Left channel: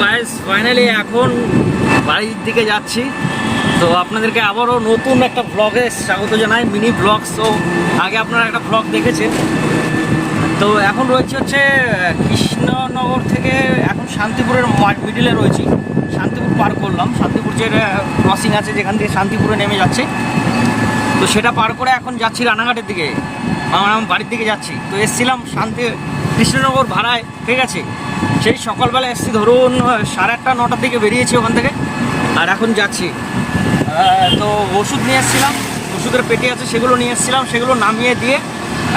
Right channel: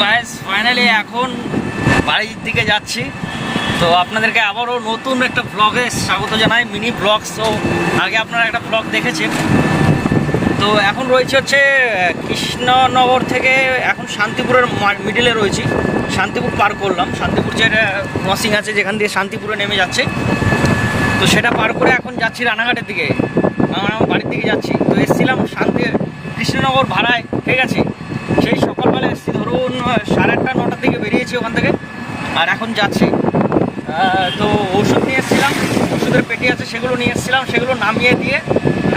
Guys finally এখন বাড়ির দিকে যাচ্ছি। তো আপনাদেরকে আবারও নতুন একটা ব্লগে স্বাগত জানাই, মিনি ব্লগ। সো আগে আপনারা একটা ব্লগ দেখেছেন। তো এখন রয়েছে হচ্ছে কৃষ্ণনগর থেকে এখন শান্তিপুরের মিডিলে রয়েছি। শান্তিপুর পার করলাম, শান্তিপুর যে ক্রসিং আছে যেখান থেকে শান্তিপুরে নেমে যাচ্ছে, তো সেটা পার করে এখন যাচ্ছি রানাঘাটের দিকে, আমার বাড়ির দিকে যাচ্ছি। তো এসেছিলাম কৃষ্ণনগর ভাড়ায়, ঠিক আছে। সেই সকালবেলা এসেছি ধরুন 8:30 9টার দিকে বেরিয়েছি ওখান থেকে, আর এখন যাচ্ছি। তো ওষুধ নিয়ে এসেছিলাম, ওষুধের পেটি আছে সেগুলো নিয়ে এসেছিলাম, সেগুলো নামিয়ে দিয়ে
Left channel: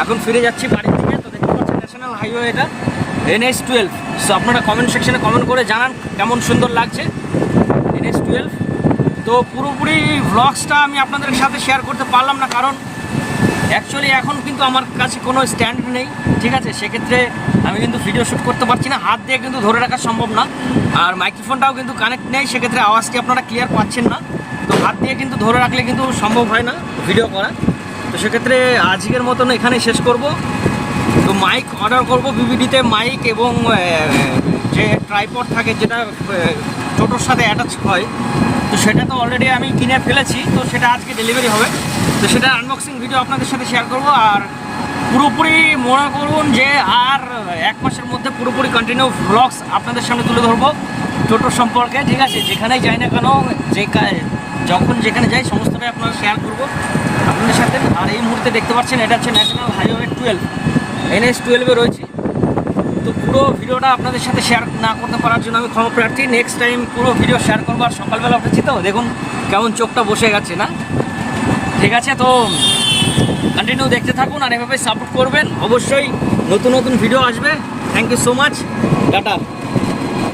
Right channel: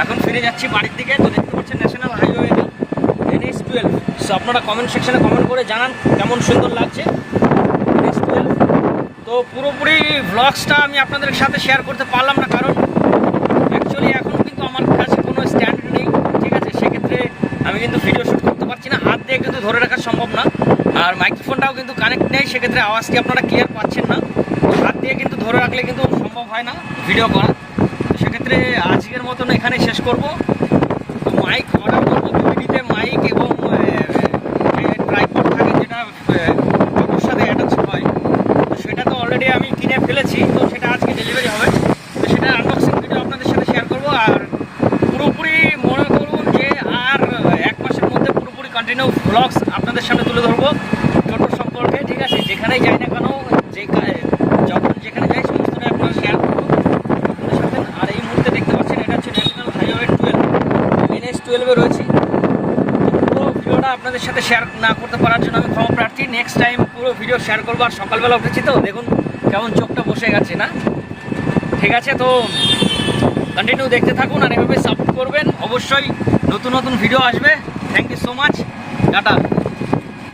এখন ফিরে যাচ্ছি বাড়ির দিকে। তো দেখতে পাচ্ছেন ন্যাশনাল হাইওয়ে, এটা NH-12। সো আপনারা কমেন্ট সেকশনে কমেন্ট করে জানান কেমন সুন্দর লাগছে NH-12। তো পুরোপুরি ভ্লগসটা আমি আপনাদের সাথে শেয়ার করতে পারলাম না, কারণ অ্যাকচুয়ালি এখন কিন্তু আমার কাছে কোনো স্ট্যান্ড নেই, ঠিক আছে। সেক্ষেত্রে আমি কিন্তু ভিডিও শ্যুট করতে পারছি না, হাত দিয়ে কিন্তু ধরে রাখা সম্ভব না। আর মাইক্রোফোনটাও কিন্তু কানেক্ট নেই, সেক্ষেত্রে আওয়াজটি আপনারা ক্লিয়ার পাচ্ছেন না। তো হাত দিয়ে কিন্তু ধরে রাখলে কিন্তু সম্ভব হয় না ভিডিও করা। তো সেক্ষেত্রে আজকের মতন এখানেই শেষ করব। তো মাইক অর্ডার করব বিবিডিতে, মাইক এবং যে ট্রাইপড থাকে যেটা টোটোর সাথে অ্যাটাচ হয়, তো সেটা তো অলরেডি আমি কিনে ফেলেছি। তো সেটা আজকে ডেলিভারি হবে, তো সেটা আনবক্সিং ভিডিও আপনাদের সাথে শেয়ার করব। আর পুরোপুরি মনে করুন যে আর 1 মাসের মধ্যে পুরোপুরি কন্টিনিউ ভ্লগস আপনাদের সামনে তুলে ধরবো টোটোর সম্পর্কে, ঠিক আছে। যেখানেই যাই না কেন, যখন যেখানে যাই সমস্তটাই আপনারা শেয়ার করবো আপনাদের সাথে। আর এই মুহূর্তে দেখতে পাচ্ছেন এটা হচ্ছে ন্যাশনাল হাইওয়ে 12, NH-12-এ রয়েছি। তো পুরো ভিডিওটা আপনাদের সাথে শেয়ার না করতে পারার জন্য আমি ক্ষমা প্রার্থী। নেক্সট টাইম পুরো ভিডিও শেয়ার করবো। আর সকালবেলা উঠেছি তো দেখুন কেমন চোখটা বসে গেছে না, ঠিক আছে। তো কন্টিনিউ দেখতে থাকুন আর এভাবে সাপোর্ট করবেন, অবশ্যই নতুন নতুন ভিডিও আসবে। Thank you so much, tata.